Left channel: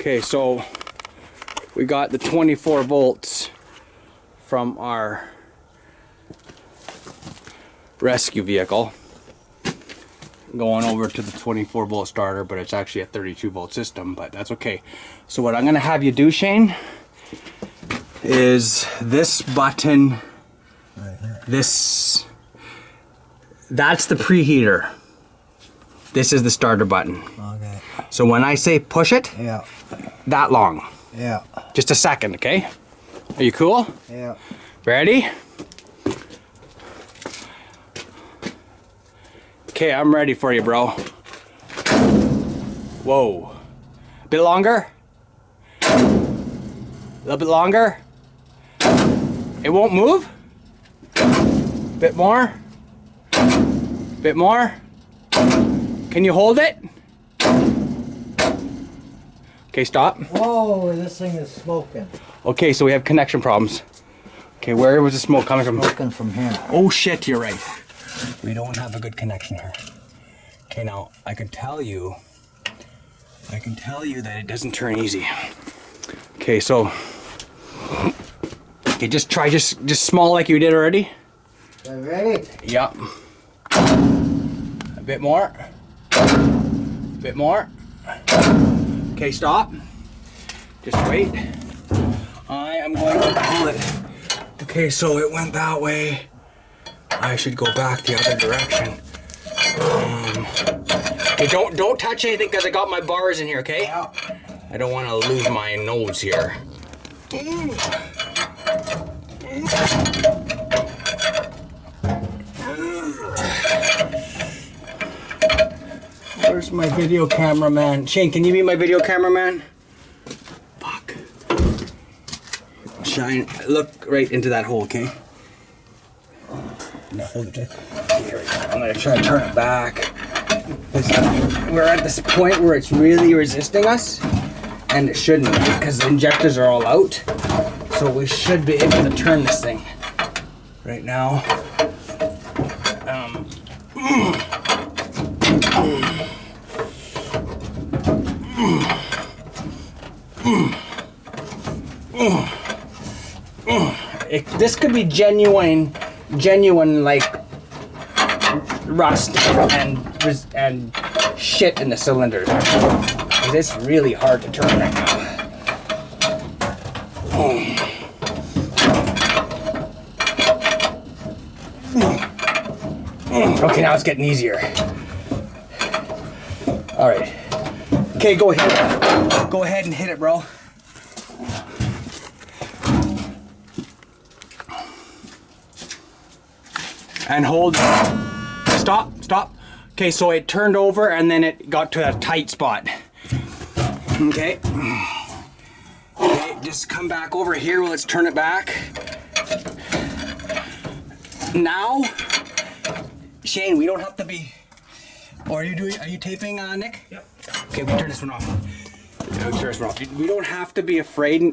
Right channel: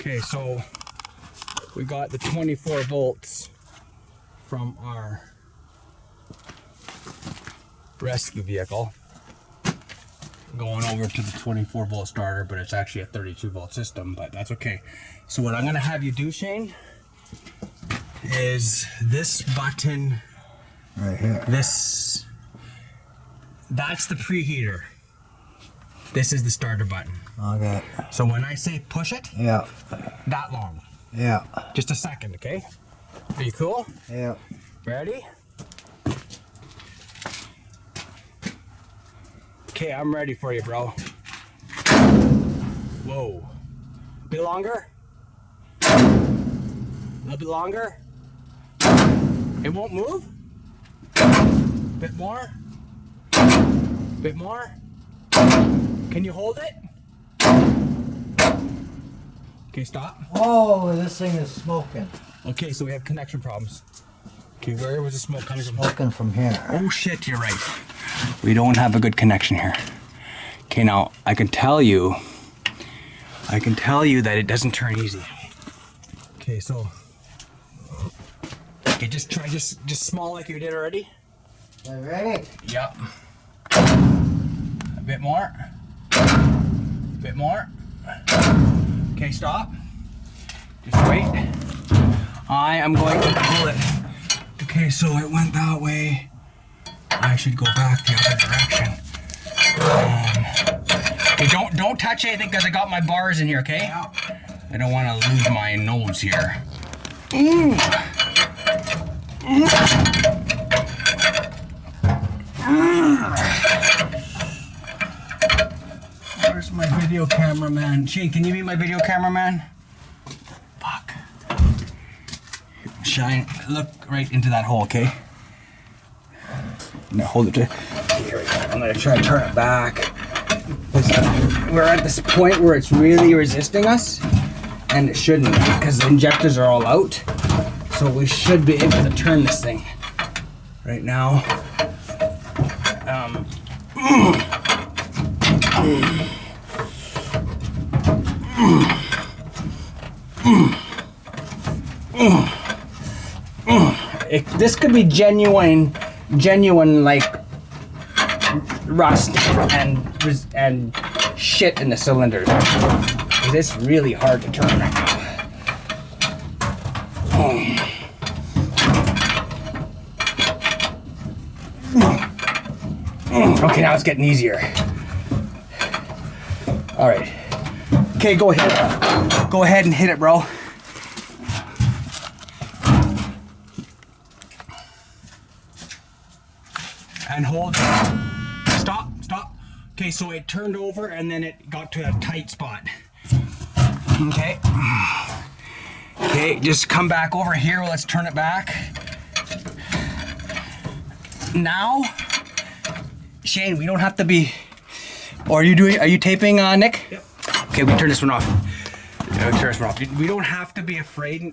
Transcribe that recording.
Okay, so we got the 24 volts from our rescue vehicle going over to the 24 volt starter, but it's actually a 32 volt system, but that's okay. So what I'm gonna have you do, Shane, is this button right here. That's the preheater. This is the starter button. Okay. So when I say push it, Yeah. that long. Yeah. Just a second, okay? Are you cool? Yeah. Ready? Okay, I'm ready for you, bro. Whoa. A bit longer? A little bit longer? It won't move? Bit more? Bit more? Can you hold it? Okay, stop. Whoa, this thing is smoking. Okay, so we have connection problems. Okay, where was the smoke coming from? Smoking from here. Oh shit, you're right. We don't have a good connection here. Okay, now I can tell you that it doesn't turn easy. Okay, so okay, just try just small like you did already. You ready? Yep. A bit more. A bit more. Okay, stop. Just wait. I am going to pull it. Okay, so it went that way. I should go back the other direction. Okay, don't touch anything because I got my bars in here, okay? Yeah. I don't want to lose my nose here. Where's my video cameraman? Shane, can you be my video cameraman? Fuck. Shine, look right into that hole, okay? Now hold it to, here we go. I'm gonna try to turn it back. We're at this point where it's really resisting us, and it shouldn't because the injectors are all out. So we should be able to turn this thing right now. This could be genuine like rust and shit in the cylinders. It's really hard to turn right now. Okay, now it's getting easier. All right. Okay, go ahead. Go ahead and hit it, bro. And hold. Stop, stop. Okay, so it turned over and then it got to a tight spot. Okay. Okay, just come back over here. Let's turn it back. Now, Shane, we don't have to be. Or are you taping, Nick? Yep. Okay, we turn this one off. We turn this one off. We don't have to be afraid now.